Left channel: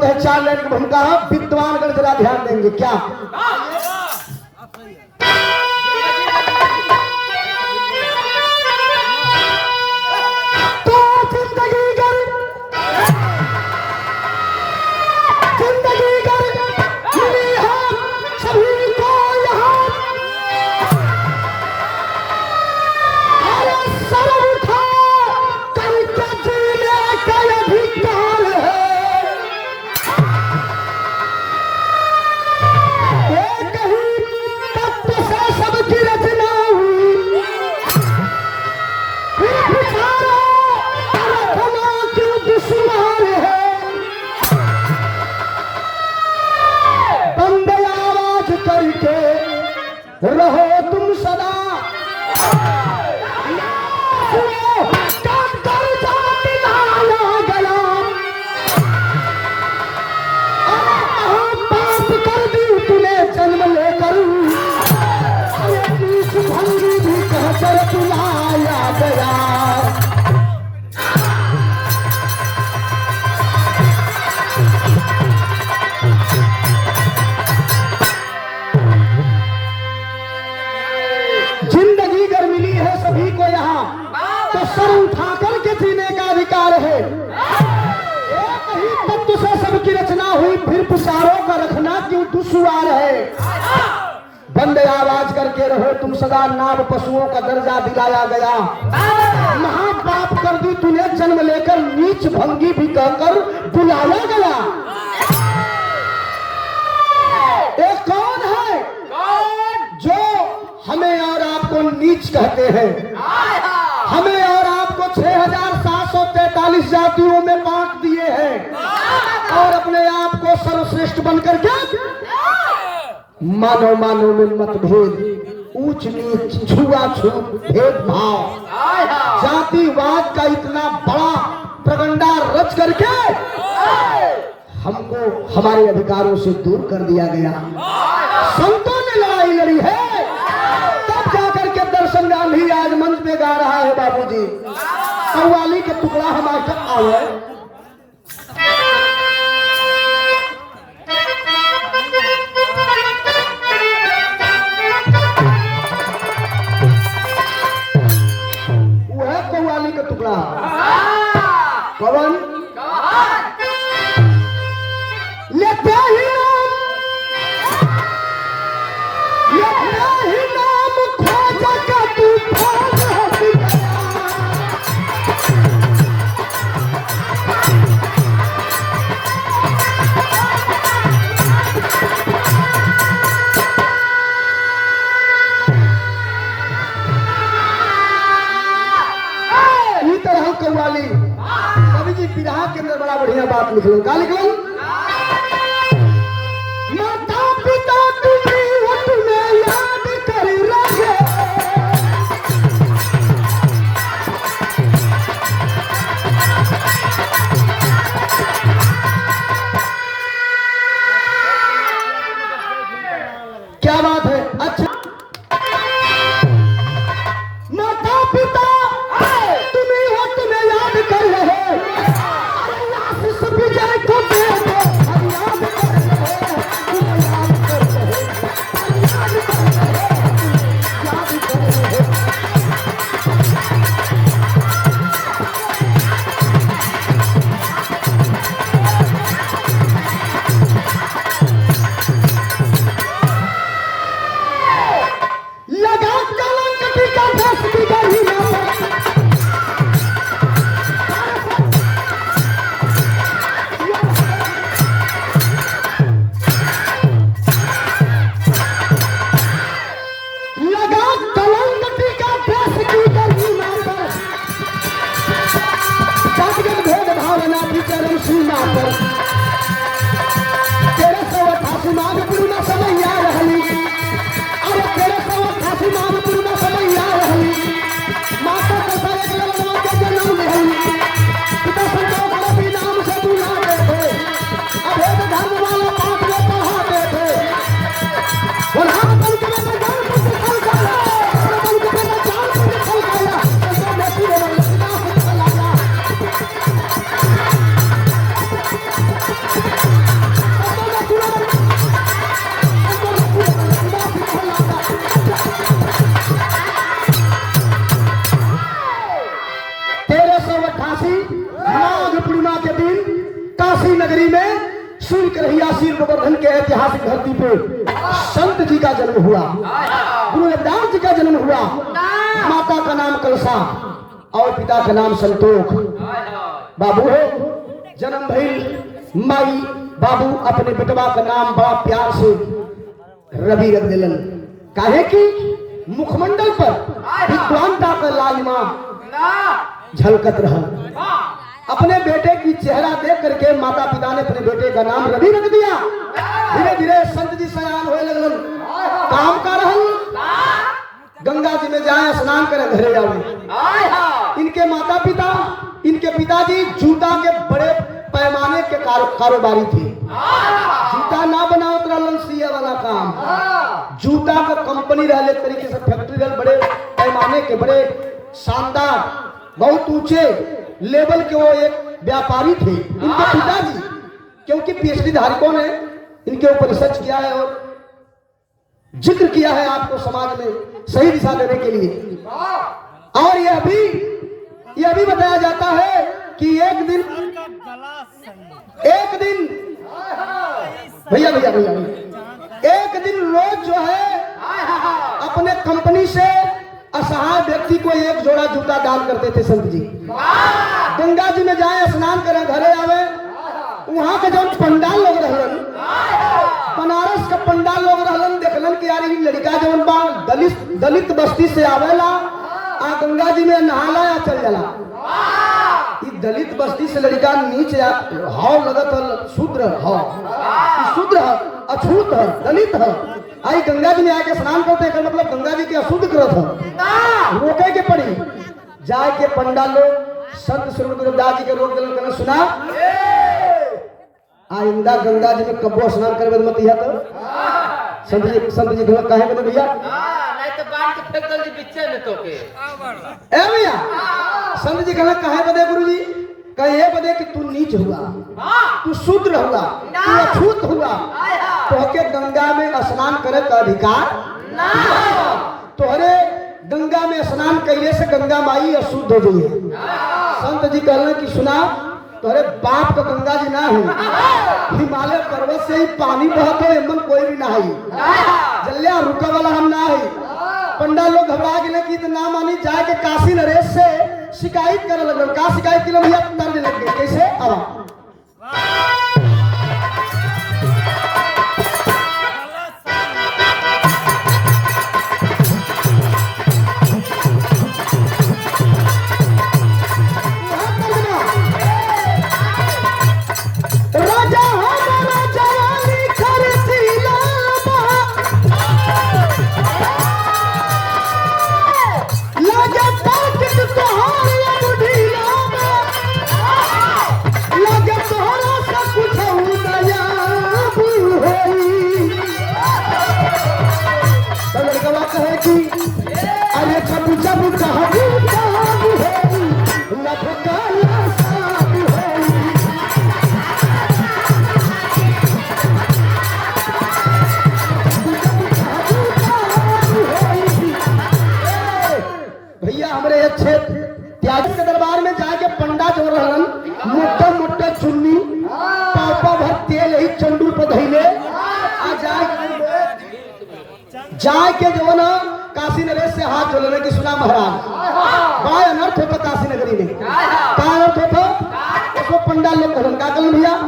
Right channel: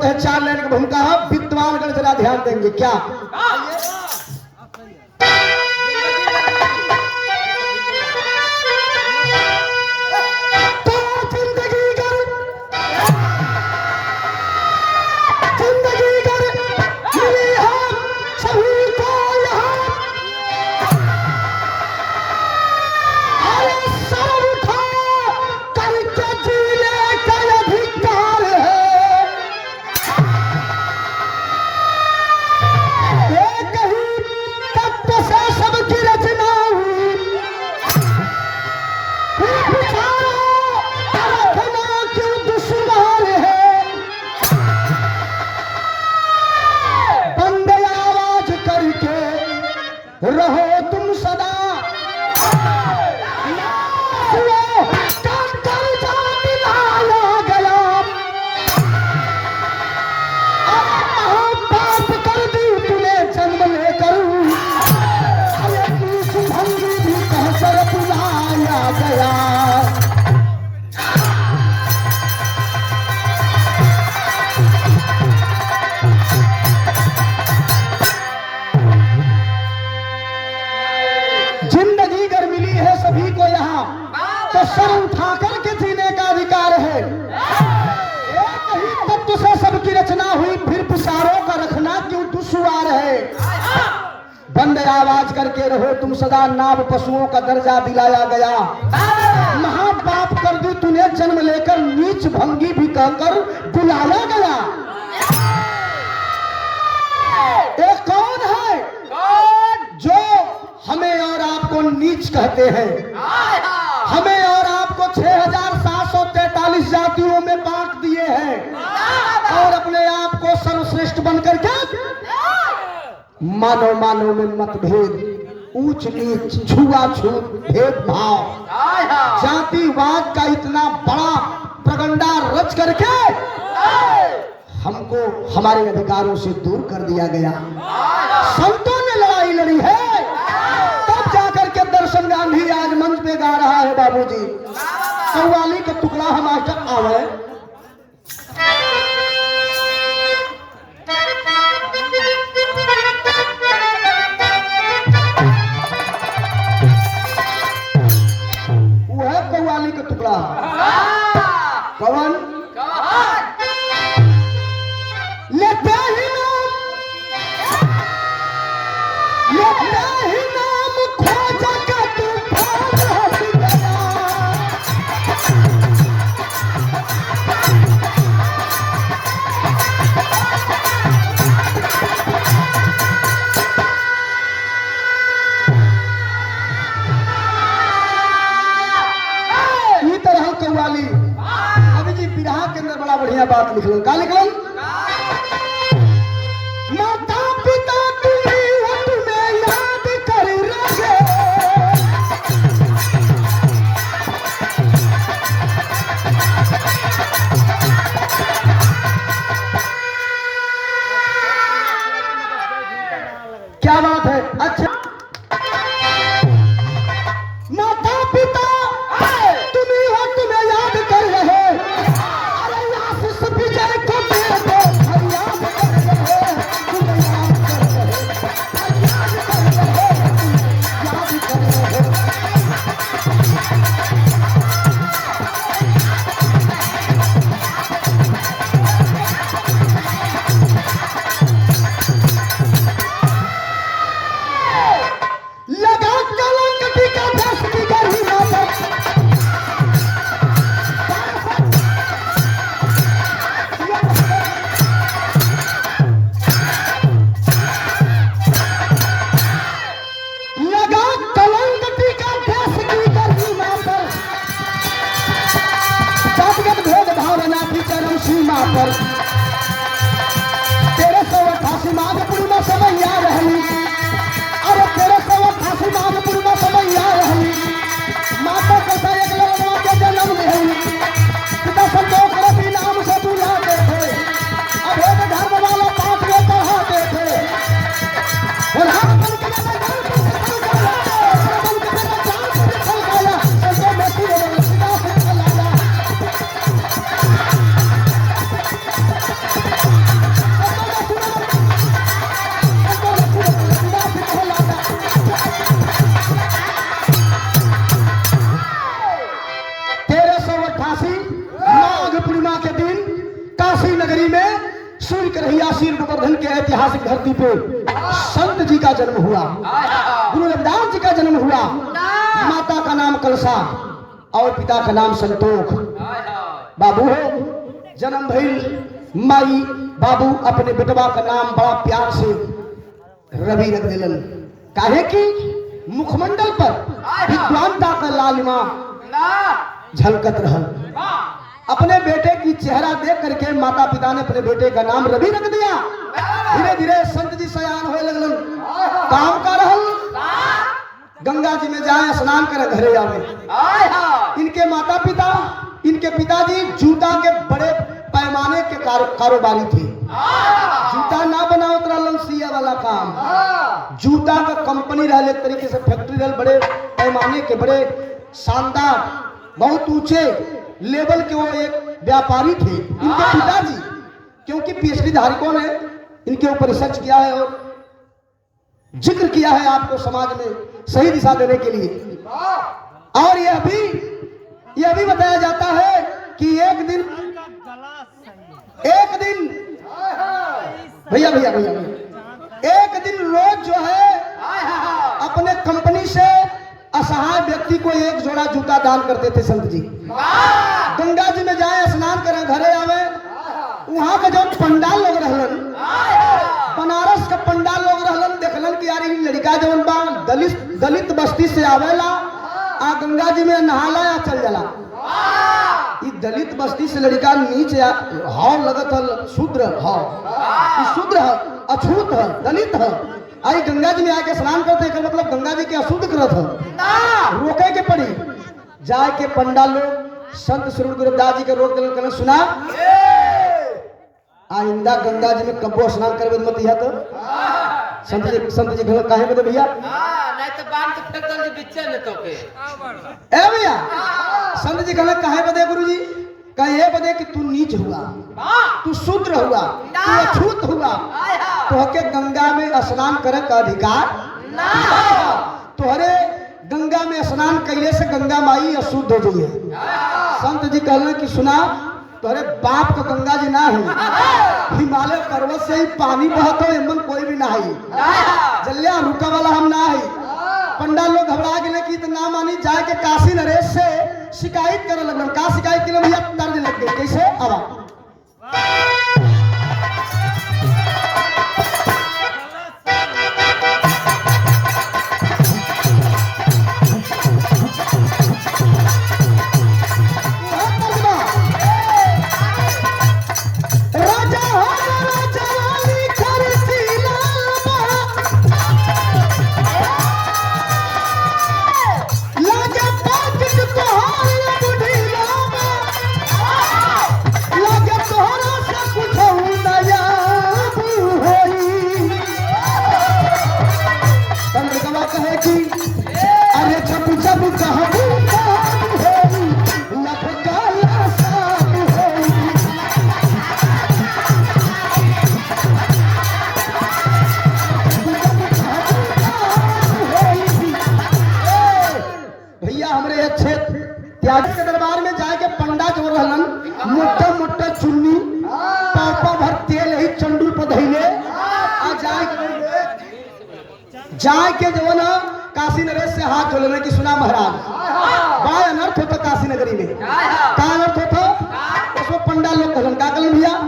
बोलते हैं 4 लाइन की भूमिका है, विद्वानगण जरा ध्यान देंगे क्या। रहो तुम सदा पाप कर दी तूने जन्म लेकर, भंगी भी कहकर बुलाया गया। जिंदगी अगर मिली है सभी को यहाँ, तो सर उठा करके जीने का अधिकार है। एक ही तत्व से सबकी रचना हुई, फिर विचारों का रखना क्यों दुश्वार है। बंदे आवाज करके रहो तुम सदा, नाव पशुओं का दर्जा दिलाया गया। महापाप कर दी तूने जन्म लेकर, नीच भंगी भी कहकर बुलाया गया। एक कौन है जो हमें और आपको नीच कहते हैं? हमें और आपको 6743 जातियों में बांट दिए हैं और अपने आप को सर्वश्रेष्ठ बनकर क्या मानव मानव में मतभेद, ऊंच नीच, छुआछूत, भेदभाव, जातिवाद का इतना बड़ा प्रगंडा रच करके हमको हमारे अधिकारों से दूर कर दिया गया। संतों ने लड़ाई लड़ी है, तब जाकर के दर्शन गांधी आज मंच पे गा रहा है। बाबूजी कव्वाली का टुकड़ा हमारे आवे। वो है कव्वाली का टुकड़ा। कवन लेते ही नाम खोजा का तू खोज हट गया। इसी तरह कव्वाली कवि जी बिरहा के अंदर बड़ा बढ़िया बात लिखलन। का लिखलन? माता पिता तुम्हें याद कर रहे, क्या बात है। अच्छा माता पिता तुम्हें याद कर रहे, अरे आशीष विजय को दे दो, याद कर रहे, तुम्हें याद कर रहे, याद कर रहे, याद कर रहे। लगा कलंक का दस की गली ना लगा कलंक का दस की गली ना पर, जातिगत भेदभाव ना भी चरम सीमा पर। 1388 माघ पूर्णिमा समय आ रही, अरे 1388 माघ पूर्णिमा समय आ रही। माता कैसा एक लड़का के जन्म रही, पिता संतोष रवि नाम से बुलाते थे, अभेद धर्म वाला पाठ में पढ़ाते थे। उन्हां बन के मैं जान को निकल गया, बन के मैं जान को निकल गया, संतों में पूरे मन सीधा से चला गया। तहसील गोवर्धन के ऐतिहासिक धरती पे संत जी का जन्म हुआ, गुरु रविदास जी का जन्म हुआ। माता का नाम कलसा और पिता का नाम संतोष। बाबू हो जन्म भइल, माई बाबू अपने बेटवा का नाम बड़ा प्यार से रवि रख दिलन। काहे कि मुखमंडल पर विद्वानता का लालिमा झलकत रहल। अपने बेटे की चेहरा देख करके माता पिता ने अपने बेटे का नाम रवि रख दिया। धीरे धीरे संत जी सयान होए लगलन। काम का रहल गंगा जी में जाए स्नान करे घरे आवे। इनके माता पिता, इनके पिताजी जूता के बड़े पैमाने के कारोबारी थे। जूता ना बनावत रहलन सिया वाला काम, जूता का कंपनी रहले, तरीके से फैक्ट्री रहल, बड़े पैमाने के, बड़े शानदार, बहुत ऊंचे लेवल के वो एक व्यापारी थे। इनके पिताजी क्योंकि पीएचडी धारकों ने इनके ऊपर रिसर्च किया है और जिक्र किया है आपको समाज में सही दिशा देने के लिए। और यह भी बताया जाता है कि एक दिन भैया एक दिन रोज जो है अपने कंपनी से असहाय व्यक्ति को एक जोड़ा जूता दान करते थे संत जी। गंगा जी में जाए स्नान करें घरे आवे, वहां के जब पंडाल लोग रहलन, बनारस का पंडाल लोग रहलन, देखलन कि यार लड़का जवन बा दलित बस्ती से आवेला आ गंगा जी में नहाला या चल जाला। ये दलित बस्ती से लड़का नीचे हाव लगत है, शूद्र है, अछूत है, दलित है, आई गंगा जी में आके स्नान करते हैं, मतलब गंगा जी के अशुद्ध करत है, रोके के पड़ी। जाए के पंडाल लोग संत श्री गुरु रविदास जी के रोक दिलन, कहना सुना आइंदा गंगा जी में कब्बो स्नान करवे मत इहा तो। संत जी घर काहे के भैया नहीं तो बांध के फेंक दल बिच्चे में तो के ए भैया। संत जी कहले काहे बदे गुरुजी? कहे बदे कि तू नीच हुआ, तू शूद्र हुआ, तू अछूत हुआ, तोहके गंगा में स्नान करे का अधिकार तोहरे गंगा में स्नान कैले से गंगा माई अशुद्ध हो जाइए। संत जी कहले कि सुना तोहरे बाप का गंगा जी ना है, हिमालय पर्वत से ही पानी बहत है, इनमें कोई भी ना है, जल्लिया रुके वाला हम ना है। पंडा लोग घबरा गए कि ना मानी, जाए के काशी नरेश से शिकायत करे लगल। का शिकायत के लिए भैया दर्ज लग गए, कैसे अब जाए के जो ना काशी नरेश से हाथ जोड़ने की सुना महाराज गाय अनर्थ होता काशी नगरी में। का अनर्थ होता उसको पंडाल लोग भजन का कल भैया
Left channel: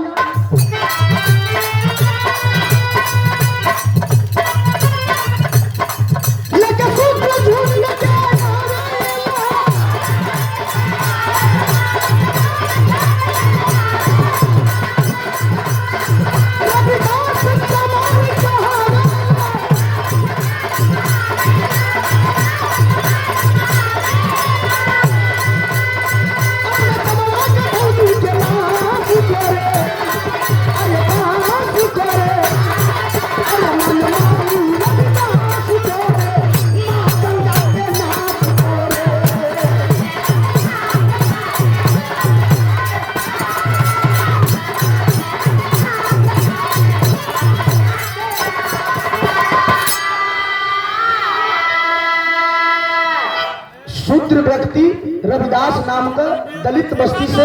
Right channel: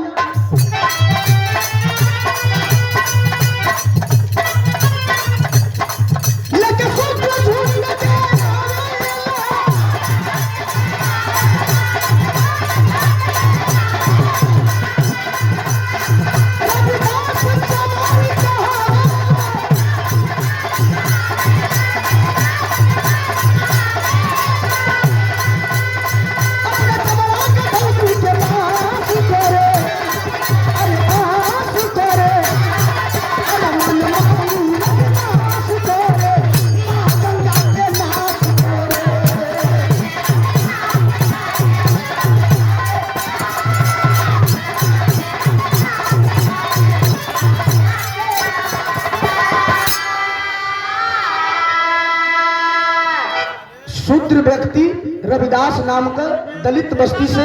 शूद्र व्यक्ति रविदास नाम का दलित बस्ती से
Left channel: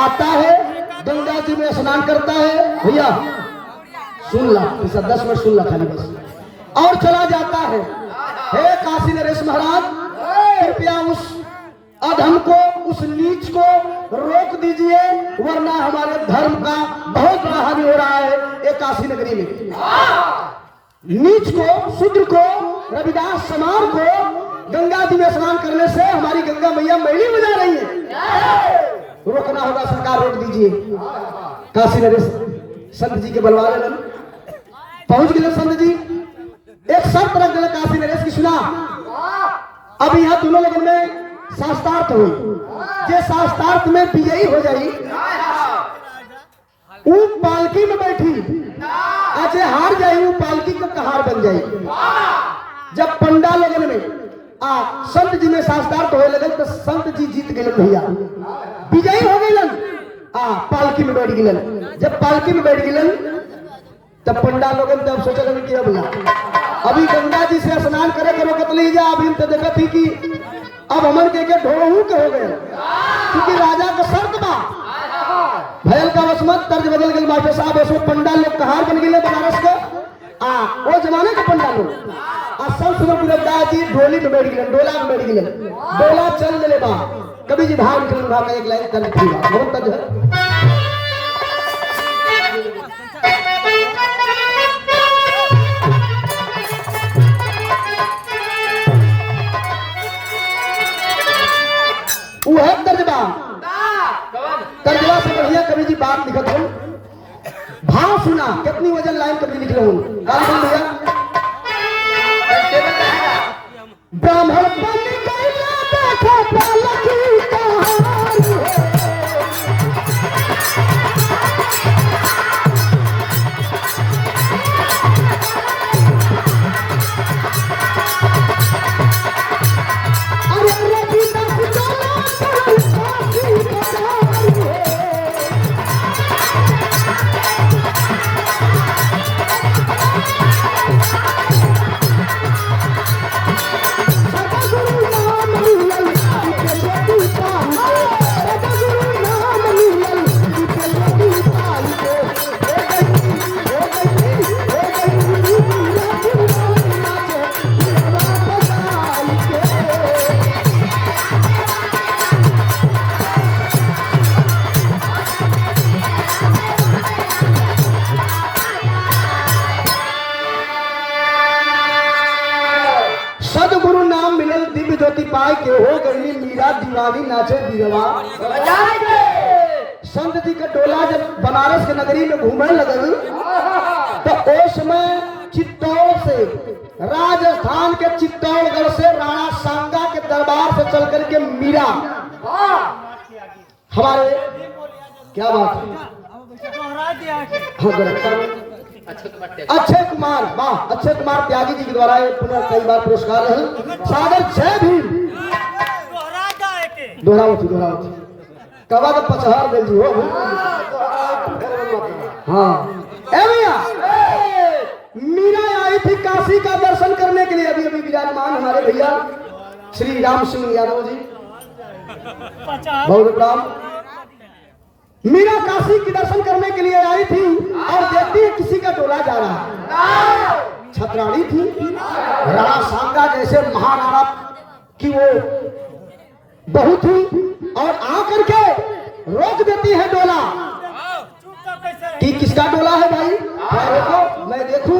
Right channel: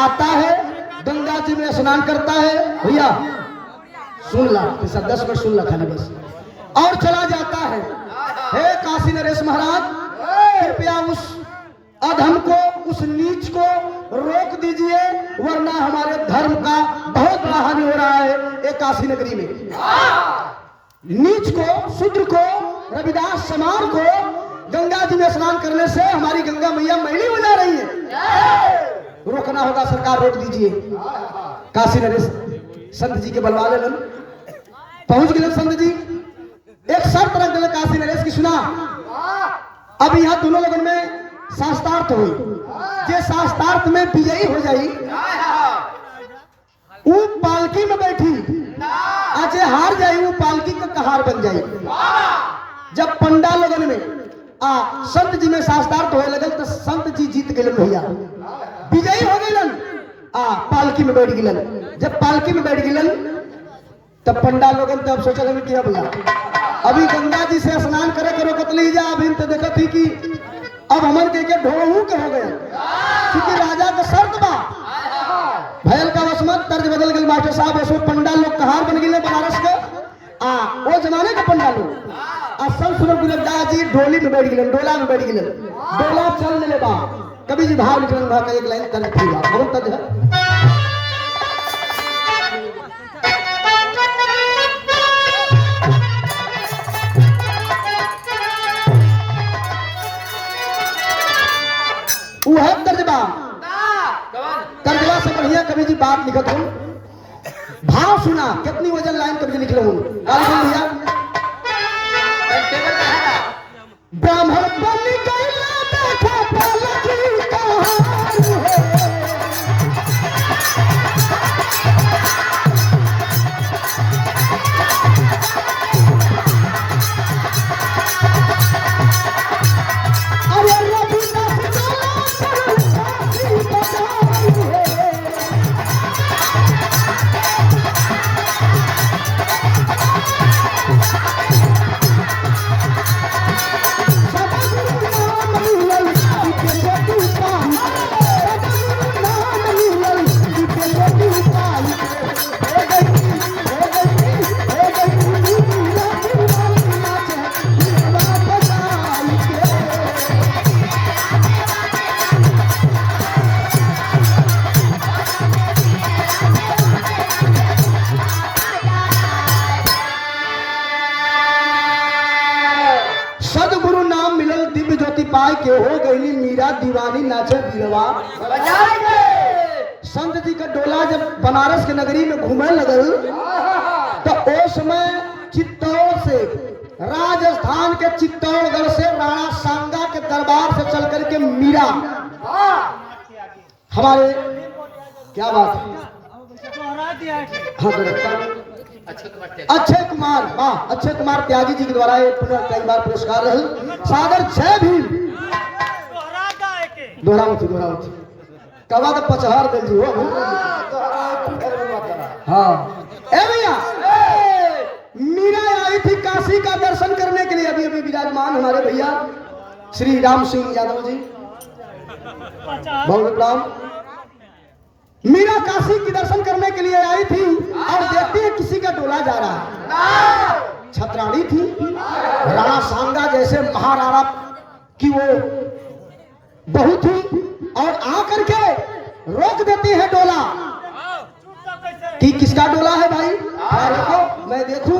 आता है, गंगा जी में स्नान करता है। भैया सुन ला, ऐसा 10 मिनट सुन ला खाली बस। और चला जाता है, हे काशी नरेश महाराज, कृपया उस अधम को, उस नीच को रोक दीजिए, वरना हमारे धर्म का बहुत बड़ा हानि हो रहा है एक काशी नगरी में। नीच को, शूद्र को, रविदास समाज को गंगा जी में स्नान करने से हमारी गंगा मैया मैली हो जा रही है। रोकना होगा, सरकार रोक दीजिए। काशी नरेश संत जी के बलवावे में पहुंच गए। संत जी एक शर्त रख दिले काशी नरेश की, सुना, अब यहाँ दोनों लोगों में शास्त्रार्थ हुई, जे शास्त्रार्थ में विजयी हो जाई वो पालकी में बैठी, आज हार जाए वो पालकी का कहार बन जाए। जब पंडा लोगन में संत जी में शास्त्रार्थ होए लगल तो संत जी जीत गए भैया, विजयी हो गए, पालकी में बैठ गए। जब पालकी में बैठ गए तब पंडा लोगन तब सोचा लगे कि अभी गंगा जी से स्नान करे करो कतली जा, अभी तो देखा थी कि अब हमन के ढोहू के हो गए, क्योंकि राजा का शर्त बा भयल का वसमत तर्ज बदल गए। मास्टर साहब इसमें पंडा लोग कहार बन गए बनारस के, वो जमाने के पंडा लोग सब सुबह गुरदास जी ढोली में बैठ गए, डोला में बैठ गए, डोला चल दिले बा, कभी जी भाव निकलन भाव में एक लाइन कर थी बहुत तज है। वो है तर्जबा, तर्जबा से बढ़िया कवि जी बात लिखत हो, भाव सुना कितनी वजन लाइन करके लिख रहे हो भैया। ब्राह्मण बन गई देखो पालकी कहार है, अरे रविदास के हो गई मीरा दीवानी नाचे बीरवा। संत जी का डोला जब बनारस के नगरी में घूमने लगल तो उस समय चित्तौड़ से, राजस्थान के चित्तौड़गढ़ से राणा सांगा के दरबार से चल करके मीरा, हमारे क्या बात है, अक्षय कुमार, वाह, अक्षय कुमार त्यागी जी के द्वारा ये कई बार पुरस्कार रहे। सागर जय भीम दोहरावती कवा के पचहर दिल जी हो। हाँ मीरा आई थी काशी का दर्शन करने के लिए, अभी अभी विराजमान हमारे भैया श्री राम सिंह यादव जी, बहुत राम। मीरा काशी की दर्शन करने के लिए आई थी और देखती है किसी का डोला जा रहा है। छतरानी थी, राणा सांगा जैसे महाराणा की वो बहू थी, और आकर के रोक देती है डोला कि किसका डोला है भाई, क्या रोको मैं देखूं।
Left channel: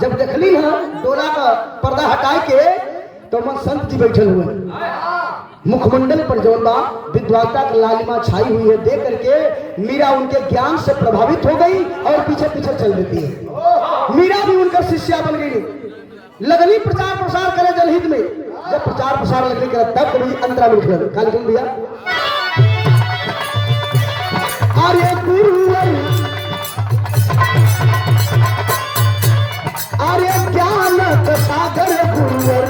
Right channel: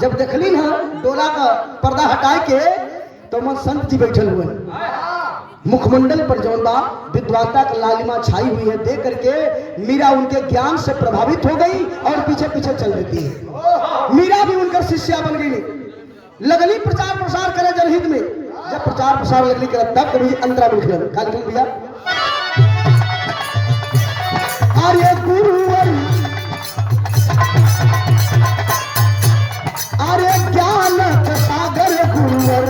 जब देखली है डोला का पर्दा हटा के तो मन संत जी बैठे हुए, मुखमंडल पर जौनबा विद्वानता की लालिमा छाई हुई है, देख करके मीरा उनके ज्ञान से प्रभावित हो गई और पीछे पीछे चल देती है। मीरा भी उनका शिष्या बन गई, लगनी प्रचार प्रसार करे जनहित में। जब प्रचार प्रसार लगने के तब कभी अंतरा बैठ गया काली भैया, अरे गुरुवर, अरे ज्ञान का सागर गुरुवर,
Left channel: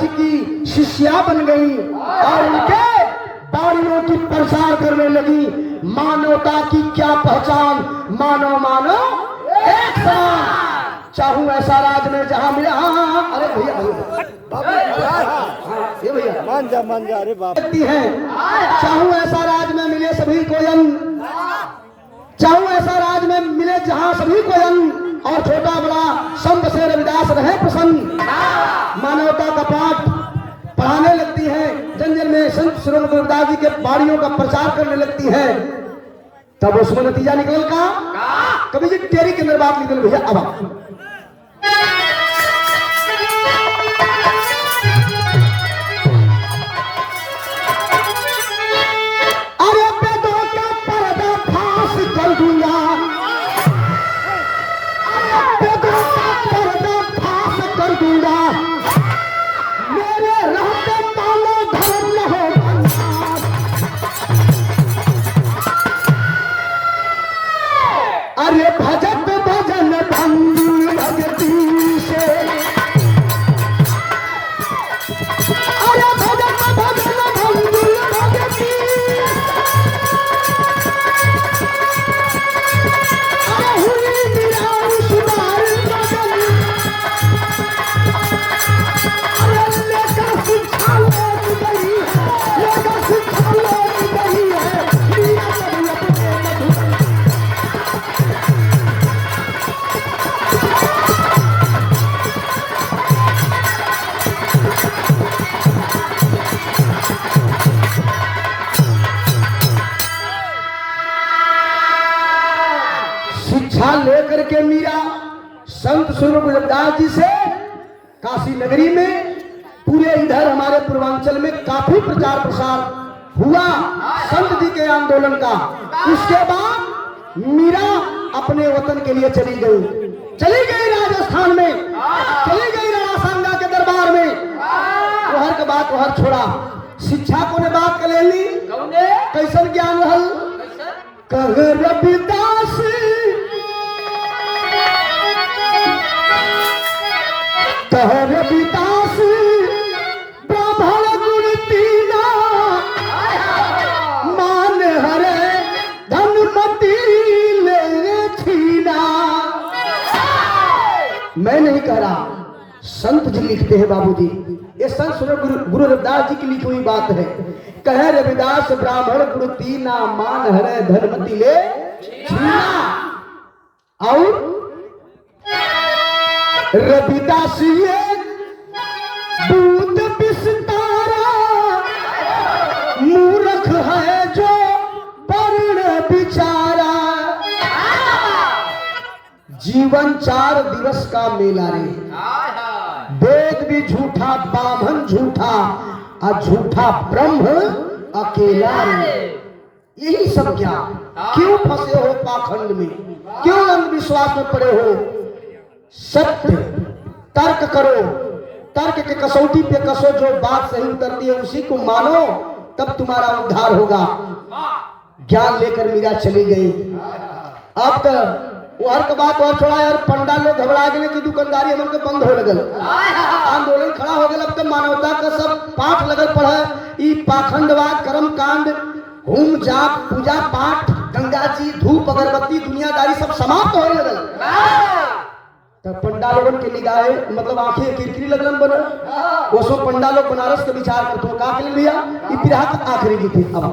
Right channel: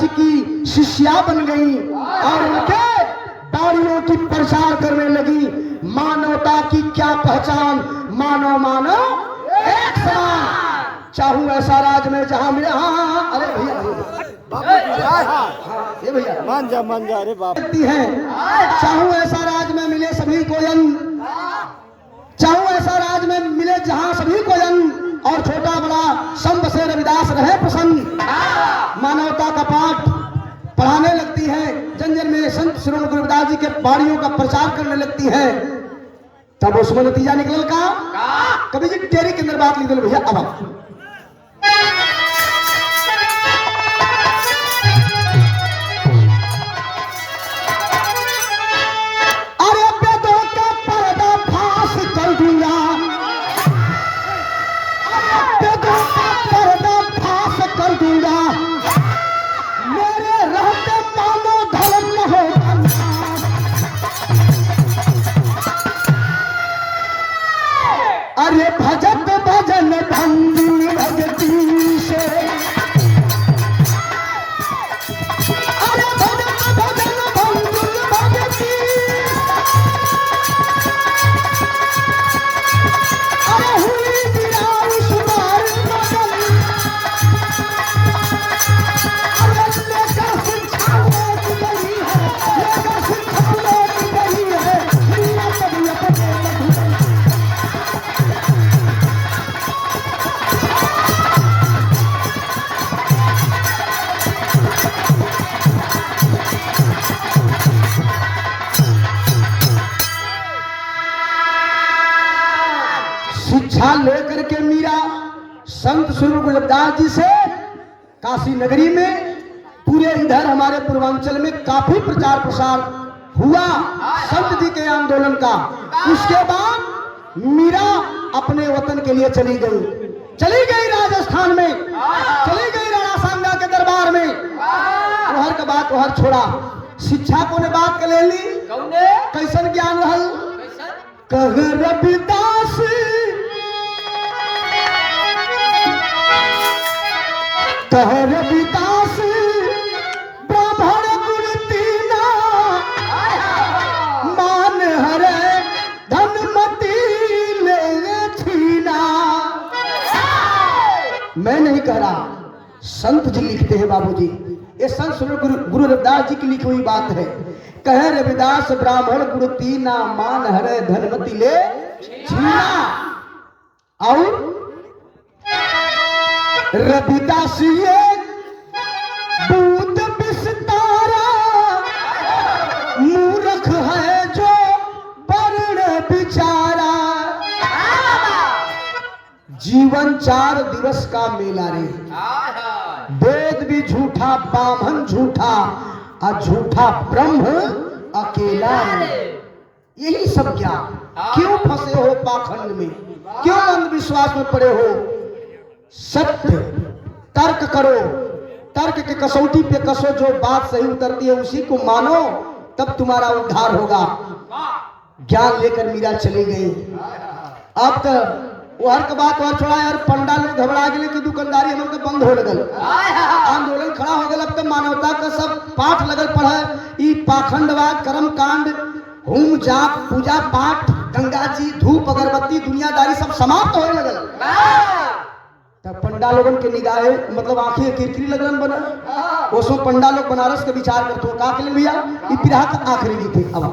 जी की शिष्या बन गई और उनके बाणियों की प्रचार करने लगी। मानवता की क्या पहचान, मानव मानव एक समान। चाहूं ऐसा राज में जहां मिले, हाँ, अरे भैया ये भैया मान जा अरे बाप है। चाहूं ऐसा राज में मिले सभी को यंग, चाहूं ऐसा राज में मिले जहां सभी को यंग, और छोटा बड़ा संत से रविदास रहे प्रसन्न। मानवता का पाठ पढ़ाने लगती है, जन जन में संत श्री गुरुदास जी के बाणियों का प्रचार करने लगती है। तब उसमें नतीजा निकल का कभी जी टेरी के अंदर बात निकल भैया। अब अरे बेदों का पर्दा फांस कर दूंगा, अरे बेदों का पर्दा फांस कर दूंगा, मेरे रहते मानो धर्म न होगा। अरे भजत भजन भंगी भगती से, अरे भजत भजन भंगी भगती, अरे हुई निराश सुधार बदन, अरे लेकर शिक्षा लौट गई है, लेकर शिक्षा लौट गई है, मीरा कभी अपने मधुबन। शिक्षा लेकर के मीरा संत श्री गुरुदास जी से काशी नगरी में, पूरे इधर हमारे पूर्वांचल में काफी प्रचार प्रसार हुआ संत जी के आंदोलन का। उसके बाद मीरा अपने वतन के लिए चली गई राजस्थान में, चली गई राणा सांगा के दरबार में। वहर के बात वहर छोड़ा, शिक्षा को ने बात कर ली। कैसन ज्ञान रहल, कह रविदास कह रविदास ब्राह्मण गुण तीना, मान हरे धनमती ले छीना। मैं नहीं कह रहा, संत जी लिखते हैं बाबूजी, ये संत श्री गुरु रविदास जी की लिखी हुई बात है। कहे रविदास ब्राह्मण गुण तीना, मान हरे धनमती ले छीना। और रविदास एक दूध बिस्तारा, मूर्ख है जो वर्ण बिचारा। जीवन 4 दिवस का मेला रे, वेद भी झूठा, बाभन झूठा, और झूठा ब्रह्म अकेला रे। यही सब क्या, क्यों फंसे हो पाखंड में, क्यों अंधविश्वास में पड़े हो। सत्य तर्क करो, तर्क के कसौटी पे कसो, जो बात सही उतरती है उसी को मानो, तब तुम्हारा उद्धार होगा। ज्ञान लेकर मीरा चली गई। अब तो वहर के बात और छोड़ा यार, पंडा लोग घबरा गए कि दुकानदारी हम लोग बंद हो लगल, आंदोलन खड़ा हो गया। अब तो मानवता का सब पाठ लगल पड़ा, ई पाखंडवाद, कर्म कांड, होम जाप, पूजा पाठ, गंगा जी, धूप अगरबत्ती, दुनियादारी सब समाप्त होने लगल। तो पंडा लोगन के निगाहें मतलब आंखें किरकिरी लगन बना। उसमें पंडा लोग बनारस के विचार करते हो का के लिए भैया, ई बिरहा का आखिरी गीत है। अब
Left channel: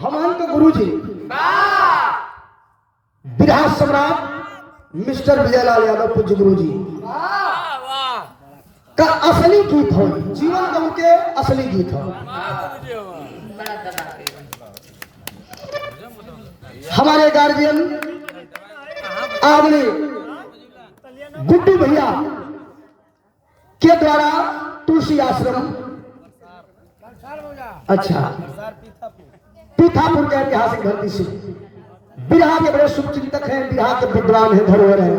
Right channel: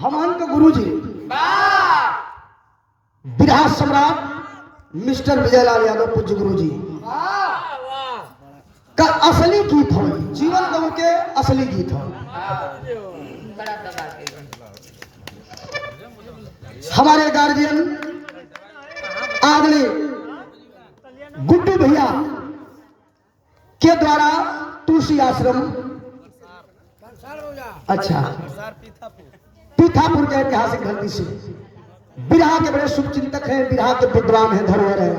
हमन के गुरु जी बिरहा सम्राट मिस्टर विजयलाल यादव पूज्य गुरु जी का असली गीत हो, जीवन गम के असली गीत हो। हमारे गार्जियन आदरणीय गुड्डू भैया के द्वारा तुलसी आश्रम, अच्छा पीथापुर के ऐतिहासिक धरती से बिरहा के बड़े शुभचिंतक हैं, बिरहा के विद्वान हैं, धरोहर हैं।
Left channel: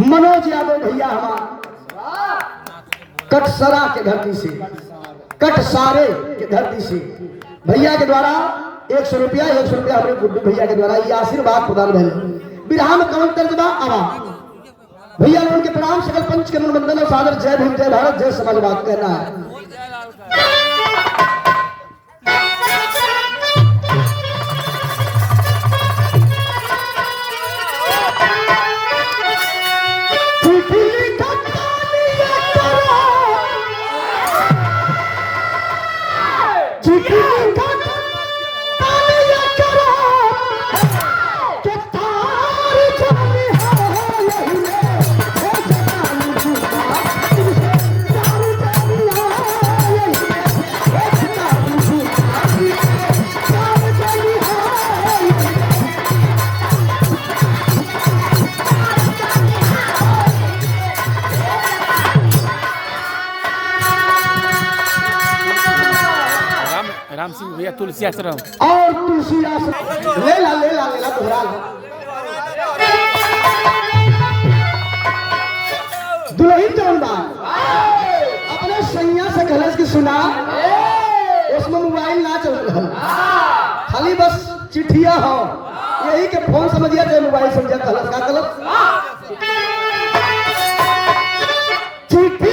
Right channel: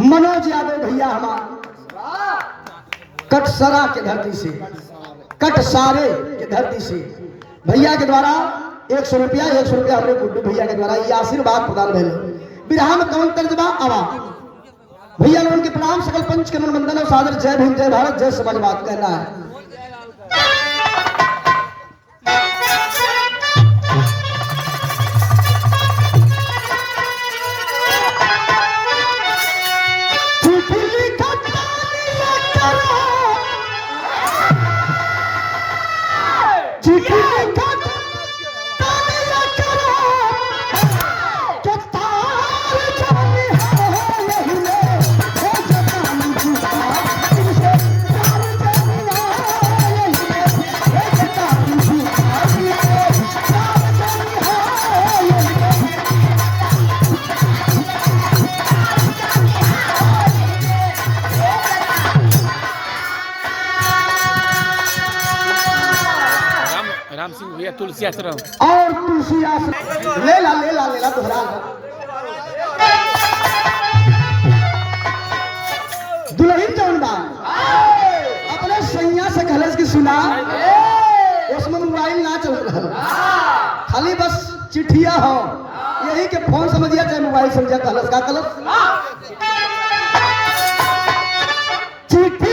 मनोज यादव भैया हमारा कटसरा के धरती से, कटसारे के धरती से भैया के द्वारा 100 रुपया हमारे गुड्डू भैया के द्वारा ये आशीर्वाद प्रदान भइल। बिरहा में कौन तर्जबा आवा भैया लोगों के प्रणाम, सकल पंच के मन वंदन और सादर। जय भीम, जय भारत, जय समाजवाद कहना है। राम सिंह भैया तुलसी आश्रम और तुलसी आश्रम ले ला दोहरा ला। दुल्हन जवन बा अपने सैया से कहलस की सुना, उसमें मोबाइल ना चल रहा, खाली बस चिट्ठिया हो, यही के फोन समझिया चाहे मोबाइल समझिया। कहलस का कहलस चिट्ठी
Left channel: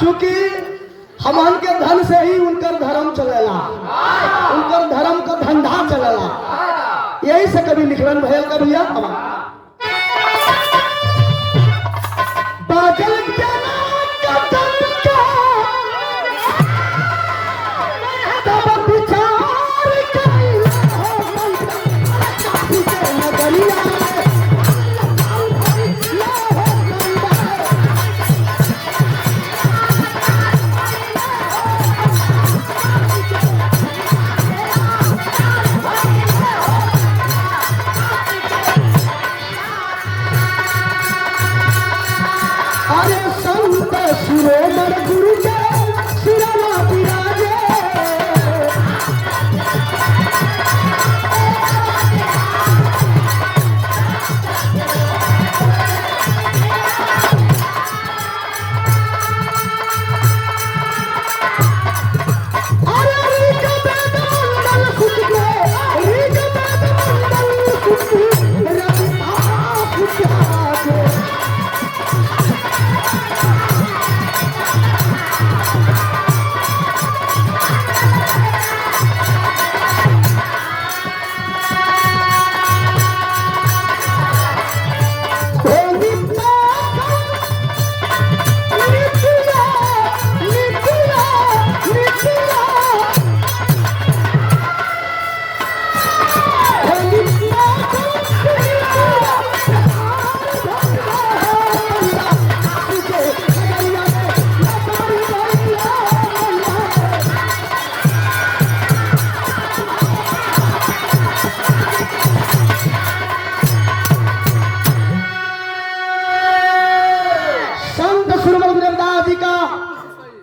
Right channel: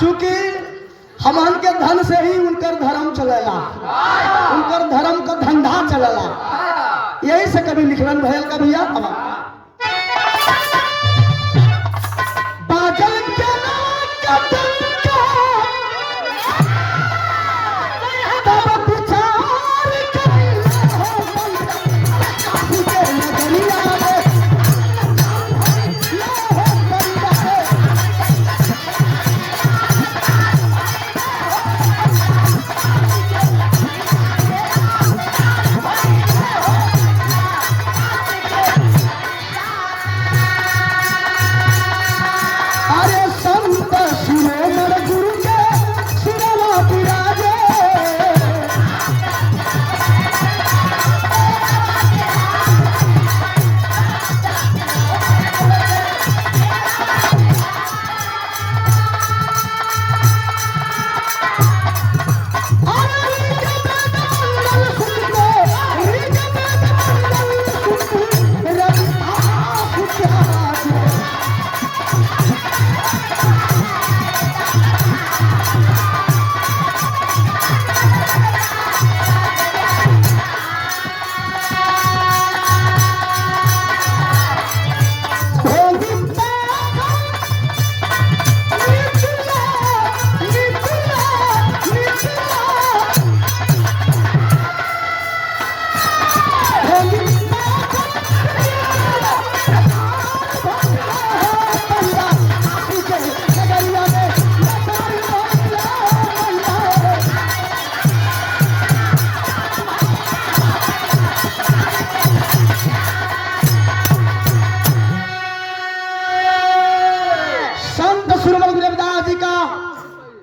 चूंकि हमन के धन से ही उनकर धर्म चलेला, उनकर धर्म को धंधा चलेला। यही से कभी लिखवन भैल का भैया बादल के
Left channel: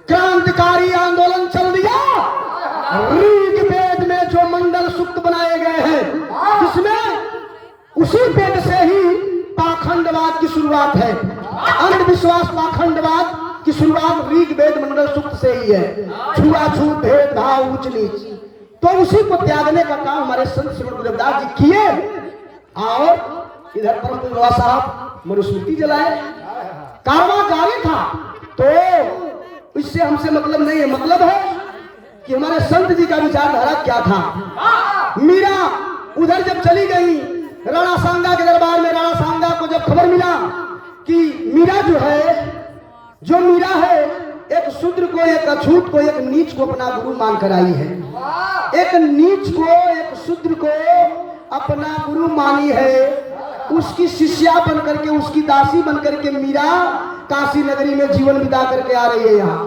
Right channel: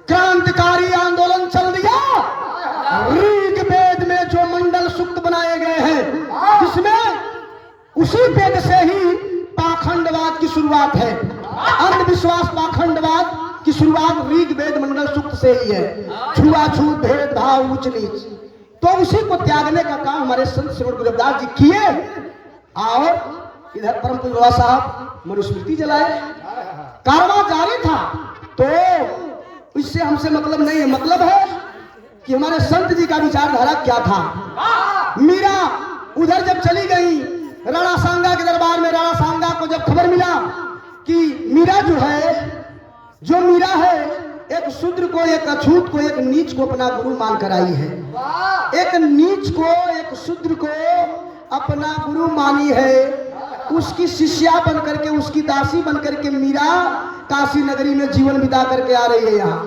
क्रांतिकारी आंदोलन चल दिया। ऋग वेद में जो मंडल सूक्त बनाए गए हैं, जिसमें उसी वेद से ही पाखंडवाद की शुरुआत है। अंधविश्वास पाखंडवाद की शुरुआत ऋग वेद मंडल सूक्त से ही है। छुआछूत, भेदभाव, उच्च नीच, तो उसी को त्यागने का काम हमारे संत श्रीमद गुरुदेव जी किए। और इधर परम पूज्य साहब मनुस्मृति जलाए, कारवां जारी था। तो इससे हमसे मतलब नहीं है, मतलब है कि हमारे संत जी का विचारधारा क्या था। मीरा उधर जब चली गई राणा सांगा के दरबार में, राणा सांगा को जब खबर मिला कि मीरा जो मीरा है एक शूद्र को, एक अछूत को, एक नीच को अपना गुरु मान कर आई है। एक नीच को, एक शूद्र को अपना गुरु मानी है, उसकी शिष्या बन करके, उसकी दासी बन करके मीरा काशी नगरी में जीवन बिता करके आ रही है। यहाँ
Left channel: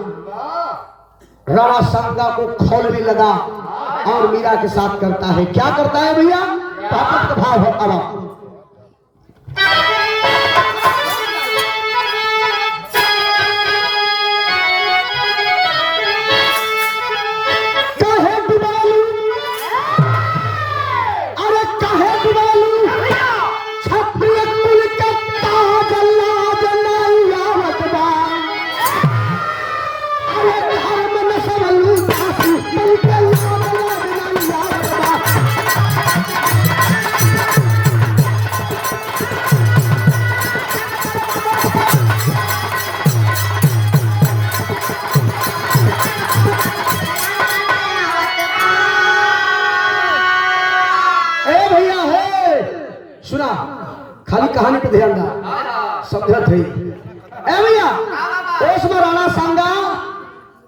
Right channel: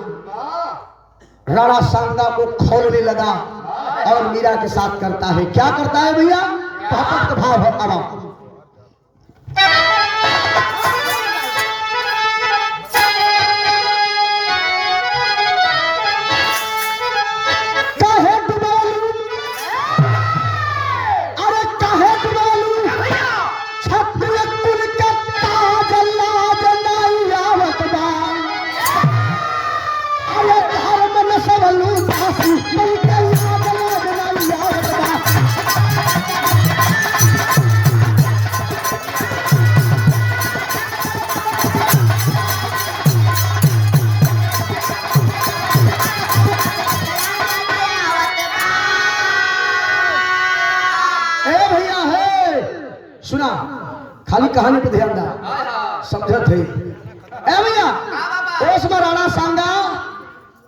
राणा सांगा को खोलने लगा और मीरा के साथ करता है। क्या करता है भैया? ताकत का भाव है। अब सुना, खाली कहानी पे ध्यान दा, समझत है। ए भैया, उस बार राणा सांगा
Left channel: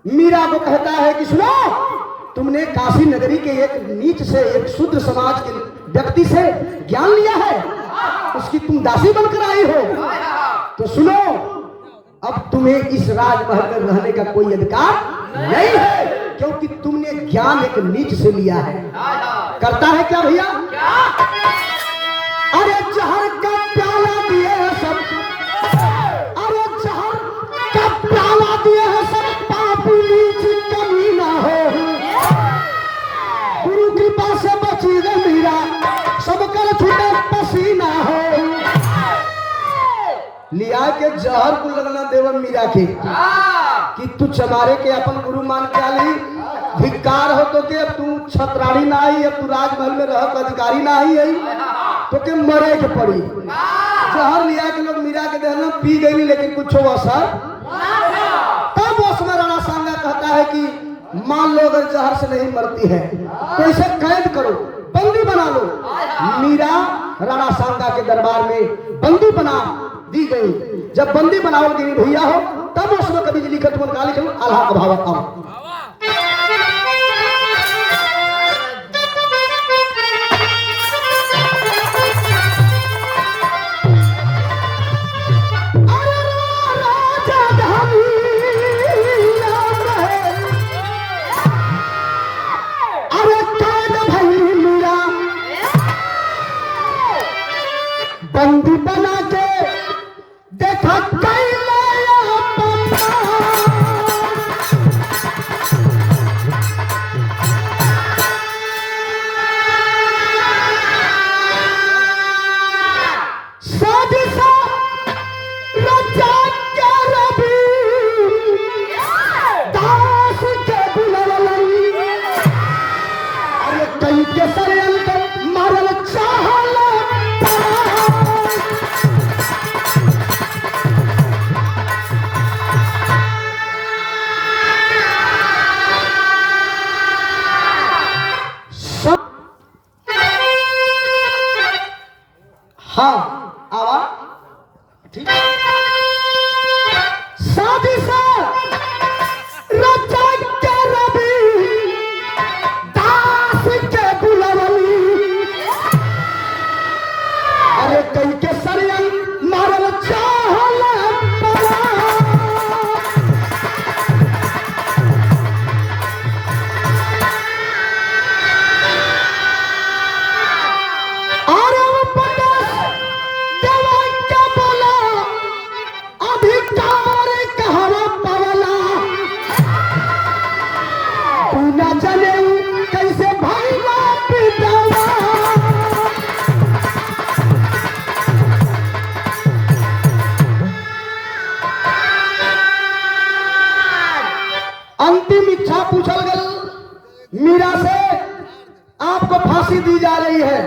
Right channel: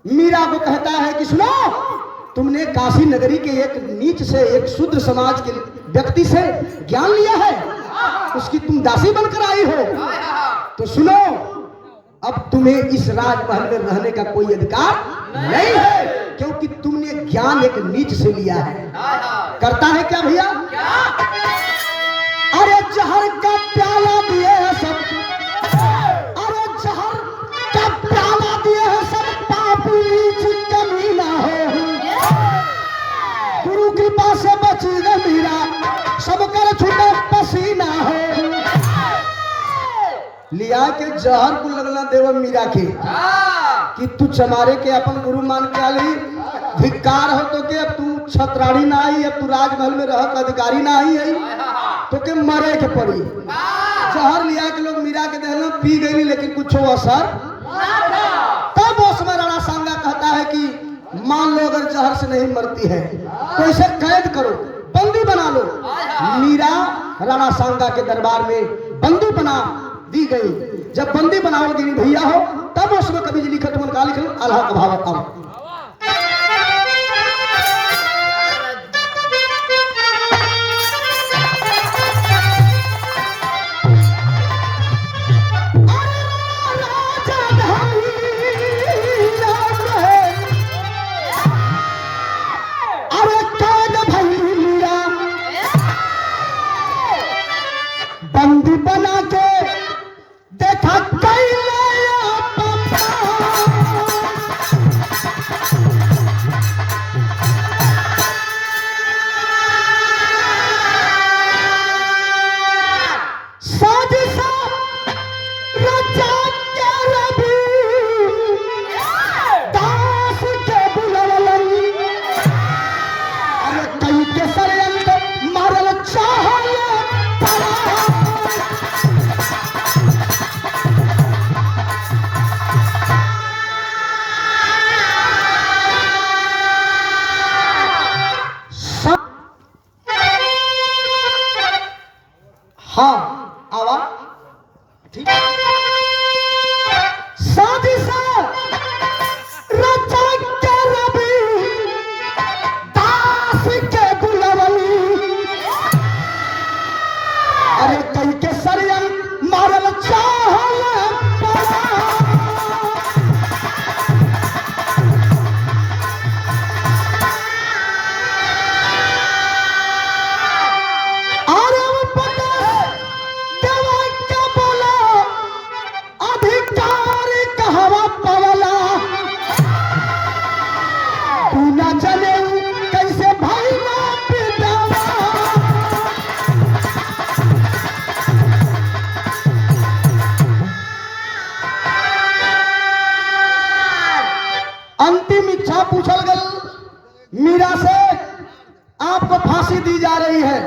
मीरा को कहता है कि सुनो, तुमने काशी नगरी के एक नीच से, एक शूद्र समाज के व्यक्ति से ज्ञान लिया है, उसकी तुम दासी बनकर आई हो, तो सुनो, अब तुम्हें इस राजमहल में रहने का कोई अधिकार नहीं है, क्योंकि तुमने ज्ञान एक नीच से लिया है। करता है क्या भैया? अरे जहर का प्याला दिए हैं सब, अरे जहर का प्याला दिए हैं सब, पापी नीच कमी ना हो, गुरु कृपा से बची न मीरा, सब कर छूटा पसीना हो। लिया के जहर को लगना देव मीरा के कि तू चमारे के अपन गुरु मान के आली, धिक्कार हो तो के अब तू छत्राणी ना आई, अब तू राजमहल में रह अधिकारी ना आई है, तो के मरे के पड़ी। जहर लिया के लोग मीरा के देहना पी गई, लेकिन कुछ असर। तब वो समय राणा सांगा कहता है कि मान लो अगर जहर से नहीं मरती है तो इसे कैद करो, बंदी बना लो। मीरा राणा सांगा के दरबार में बंदी बना दी गई। जब बंदी बनाओगी भैया हो, तब उसमें कभी लिखत मन का लिखल अल्लाह का भाव कम। बंदी बना के देखा कई नया पन्ना, साजिशा रचा के रवि, दास के बुलवली, अरे कई के षड्यंत्र मारल चाहला मीरा से आपको फांसी दी जा रही है।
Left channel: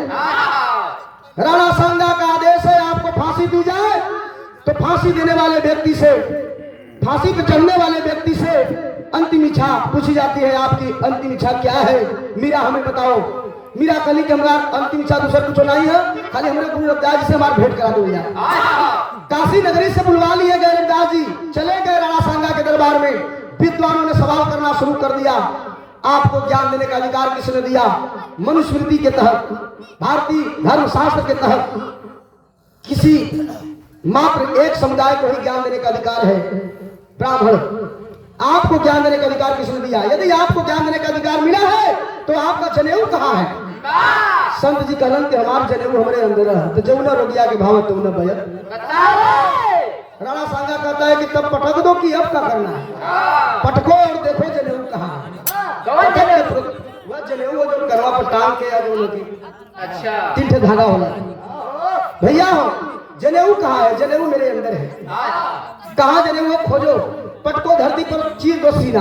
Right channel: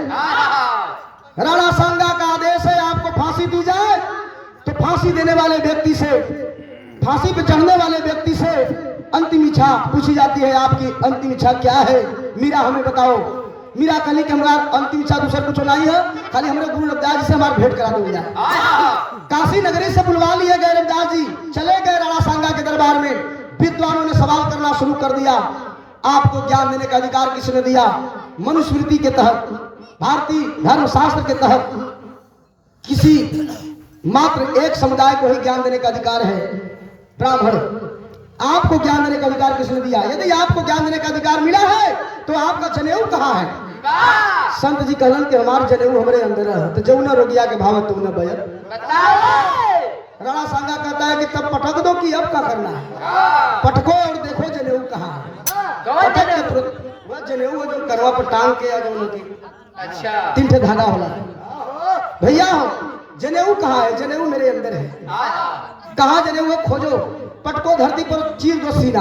राणा सांगा का आदेश है आपको फांसी दी जाए, तो फांसी देने वाले व्यक्ति से, फांसी पे चढ़ने वाले व्यक्ति से अंतिम इच्छा पूछी जाती है, आपकी अंतिम इच्छा क्या है? मीरा हमें बताओ। मीरा कहली कि हमारा अंतिम इच्छा दूसरा कुछ नहीं है, खाली हमारे गुरु रविदास जी से हमारा भेंट करा दो। काशी नगरी से बुलवा लिए गए रविदास जी, चले गए राणा सांगा के दरबार में। विद्वानों ने सवाल करना शुरू कर दिया, आपको ज्ञान देने का अधिकार किसने दिया? मनुस्मृति के तहत, भारतीय धर्मशास्त्र के तहत किसी मात्र एक समुदाय को ही ज्ञान देने का अधिकार है, ब्राह्मण। आपको ज्ञान देने का अधिकार किसने दिया? यदि आपको ज्ञान देने का अधिकार मिला है तो आपका जनेऊ कहाँ है? संत जी कहलन कि हमारे जनेऊ हमारे अंदर है। तो जौना रोगिया के भाव तुमने बया। राणा सांगा कहता है कि तब पटक दो कि अब क्या करना है? पटको और देखो जनेऊ कहाँ है। वह जनेऊ है जो करवा पर टांग के या जो होती, अच्छा 3 ठे धागा होला। भैया हो जनेऊ कहाँ है? जनेऊ मेरे अंदर है। कहाँ जनेऊ है? खोजो, पटको धरती पर चीर दो सीना,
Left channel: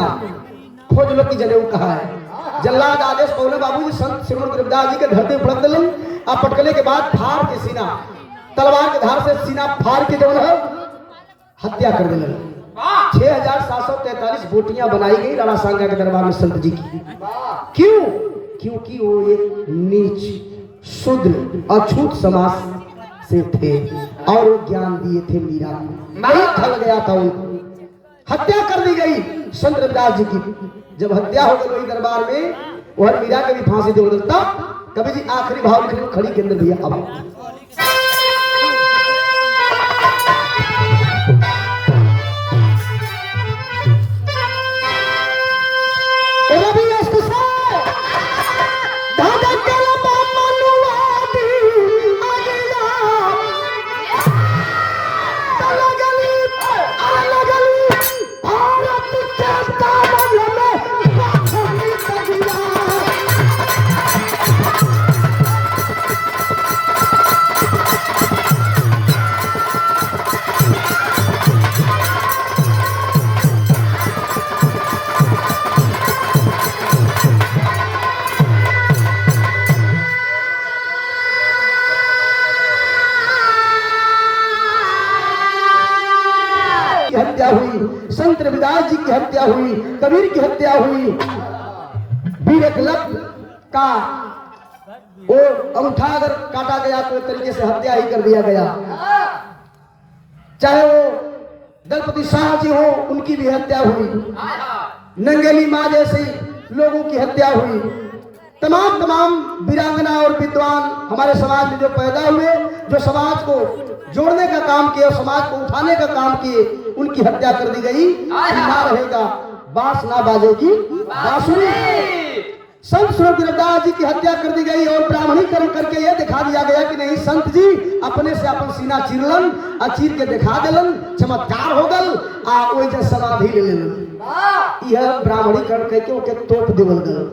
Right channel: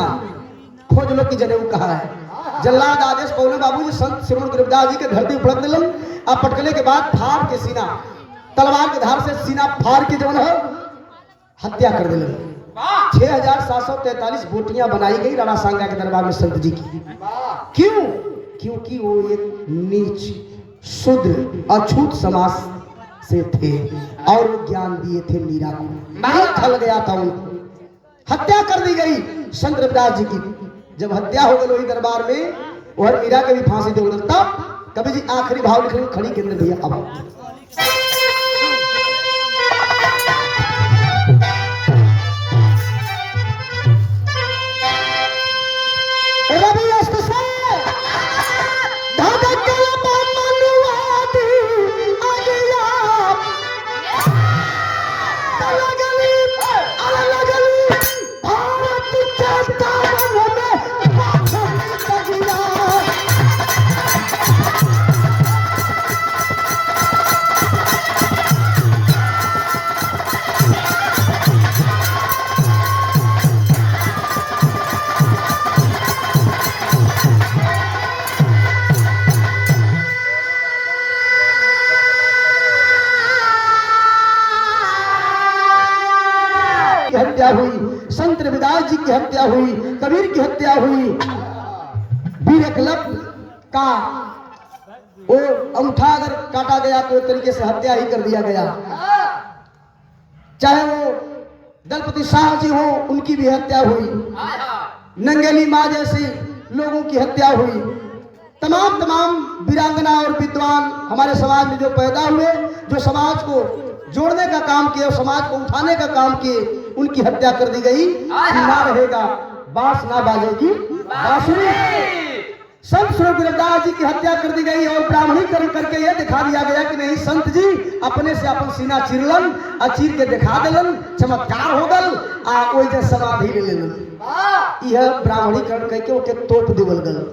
खोज लो कि जनेऊ कहाँ है। जल्लाद आदेश पौले बाबू जी संत श्रीमन गुरुदास जी के धरती उपलब्ध दिलन। आप पटकने के बाद फाड़ के सीना, तलवार के धार से सीना फाड़ के जवन है हत्या कर दिलन। 6743 बोटियां बनाई गई राणा सांगा के दरबार में संत जी की। क्यों? क्योंकि वो एक नीच शूद्र अछूत समाज से थे और वो ज्ञान दिए थे मीरा को। नहीं खल गया था उनको, हत्या कर दी गई संत रविदास जी की। जब हत्या हो गई वही दरबार में, वह मीरा के भी फांसी दे उड़ल। तब कवि जी आखिरी भाव लिख रहे खड़ी के अंदर भैया अब की हत्या हुई, संत रविदास जी की हत्या हुई, कबीर की हत्या हुई, वीर एकलव्य का वो अंगूठा अगर काटा गया तो एक तरीके से हत्या ही कर दिया गया। चाहे वो दलपति शाह जी हो, उनकी भी हत्या हुई। नंगेली माँ जैसे लोगों की हत्या हुई। तमाम वीरांगना और विद्वान हमारे समाज में जो पैदा हुए, जो समाज को जोड़ने का काम किए और समाज को उठाने का काम किए, उनकी हत्या कर दी गई। ना रहेगा बांस ना बाजेगी बांसुरी। संत श्री गुरुदास जी की हत्या कर दी गई और ब्राह्मणीकरण करके यह दिखा दिया गया कि नहीं, संत जी अपने से अपन सीना चिरलन और चीर के दिखा दिलन, चमत्कार हो गल आ ओइ जे समाधि ले लेलन। यह ब्राह्मणीकरण करके ओके तोप देवल गल।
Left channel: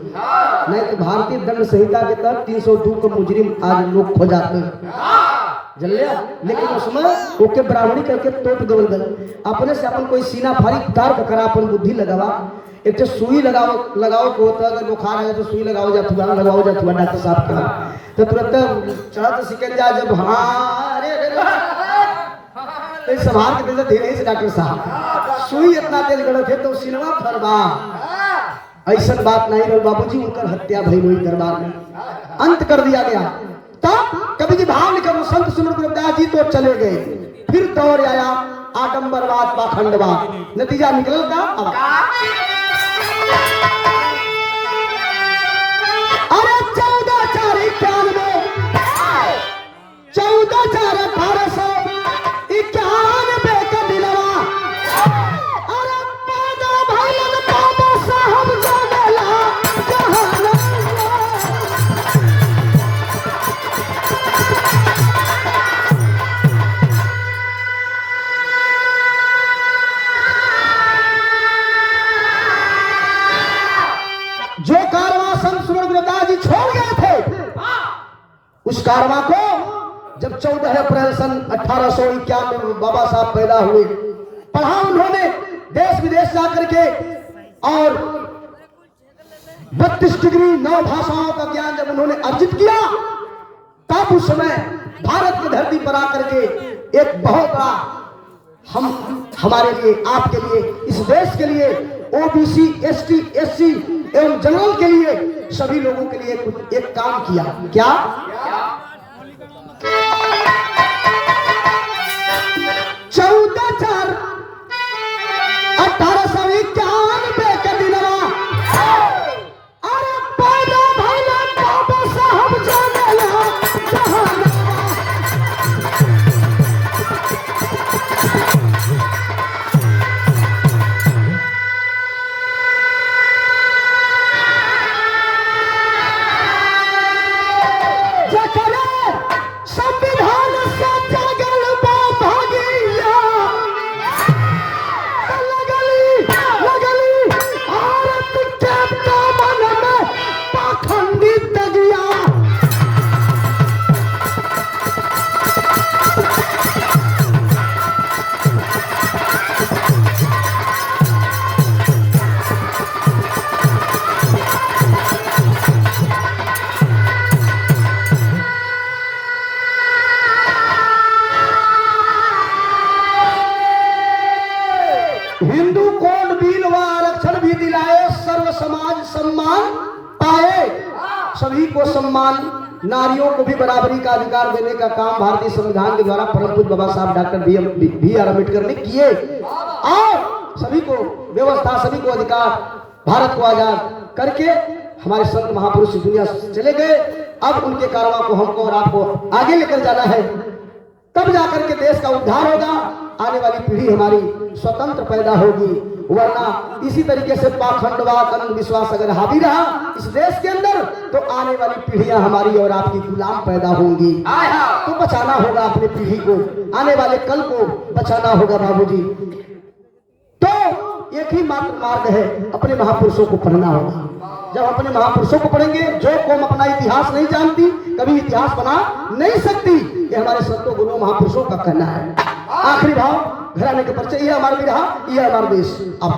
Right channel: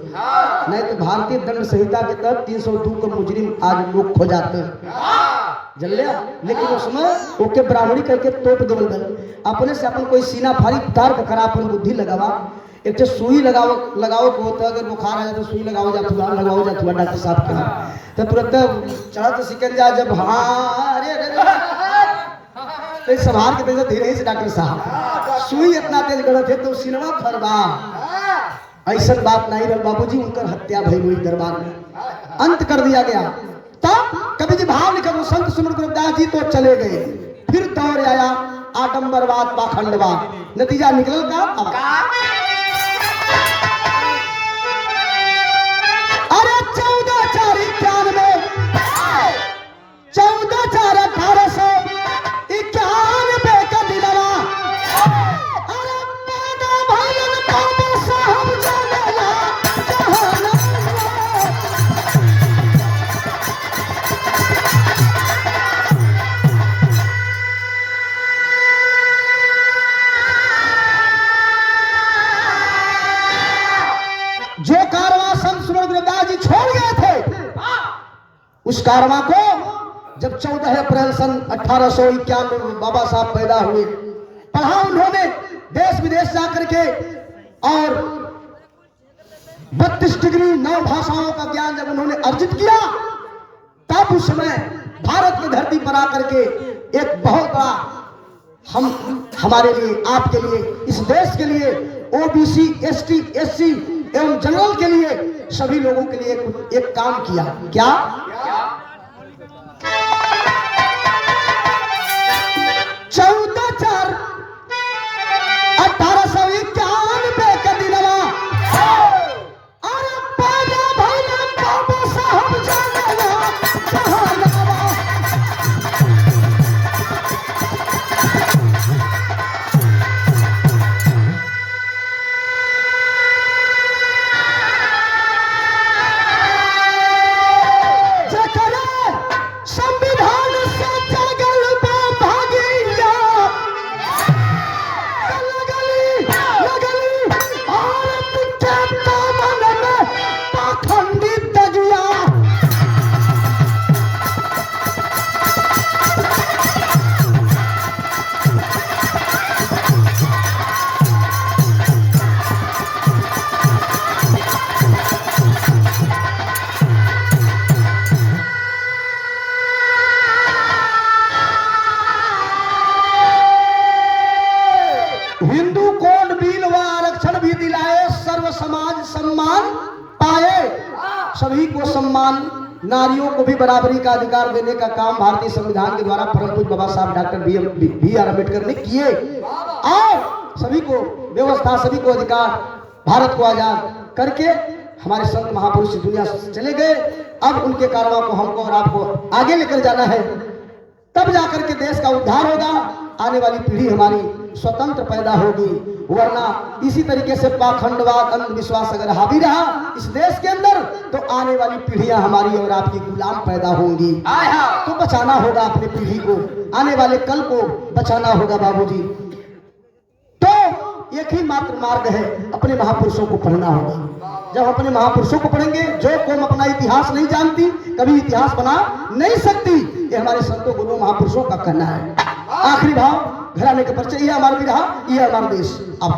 नहीं तो भारतीय दंड संहिता के तहत 302 को मुजरिम आज लोग खो जाते हैं, जल लिया। लेकिन उसमें ओके ब्राह्मणी करके तोप देवल गल। अपने से अपन कोई सीना फाड़ी तर्क करा, अपन बुद्धि लगावा। एक तो सुई लगाओ को होता, अगर बुखार आ जाए तो सुई लगाओ जाती है, लगाओ जाती है डॉक्टर साहब के यहाँ। तो तुरंत चढ़ा तो सिकल जाए जब हाँ अरे संभाल के तेज धीरे से डॉक्टर साहब सुई इतना तेज गढ़ थे तो सिनेमा फरवा। ऐसा बात नहीं रही बाबूजी, उनकर हत्या भई हुई दरबार में, अंत कर दिया गया। तब कभी जी भाव निकल संत सुमन गुरुदास जी तो चले गए। फिर दौर आया आडंबरवाद पाखंडवाद, नतीजा निकल का अब अरे 1491 1491 का दिलवा अरे पादा भाईलन पादा साहब जगला जहाना। जो कारवां संत सुमन गुरुदास जी छोड़ गए थे, उस कारवां को जब 14 अप्रैल सन 1891 में बाबा साहब पैदा हुए, पढ़ा उन्होंने देश विदेश जाकर के और 32 डिग्री 9 भाषाओं का ज्ञान जब उन्होंने अर्जित किया, तब उस समय भारत की धरती पर आकर के एक बहुत बड़ा हमारे लिए, आपके लिए, इस देश के लिए, ओबीसी, एसटी, एससी एवं जनरल के लिए, सभी लोगों के लिए एक काम किया। क्या? 14/4/1891 का दिनवा अरे पैदा भइलन बाबा हिंदू कोड बिल व आरक्षण भी दिलाए, सर्व समाज सम्मान पाए, सभी को सम्मान, नारियों को भी बराबरी का अधिकार देने का काम भारतीय संविधान के द्वारा परम पूज्य बाबा साहब डॉक्टर बी आर अम्बेडकर ने किए। और सभी को व्यवस्था, सभी को अधिकार, भारत को आजाद करके हमारे संत महापुरुष दुनिया से चले गए। अब उनके कारणों को हमको और आपको आगे लेकर जाना है, तब जाकर के देश का उद्धार होगा, आने वाली पीढ़ी हमारी स्वतंत्र पैदा होगी। वरना इसी तरीके से पाखंडवाद, अंधविश्वास अगर हावी रहा इस देश के अंदर, तो आने वाली पीढ़ियां हमारी और आपकी गुलाम पैदा होंगी। तो बचाना होगा अपनी पीढ़ी को, आने वाले कल को बचाना होगा बाबूजी। तो एक ही मात्र मार्ग है, अपने महापुरुषों को पढ़ना होगा। जब अपने महापुरुषों को पढ़ेंगे, जो कौम अपना इतिहास नहीं जानती कभी इतिहास बना नहीं सकती, ये हमारे संतों गुरुओं महापुरुषों का कहना है। आखिरी भाव, घराने के परिचय, ये हमारा विरहा, ये हमारा देश। अब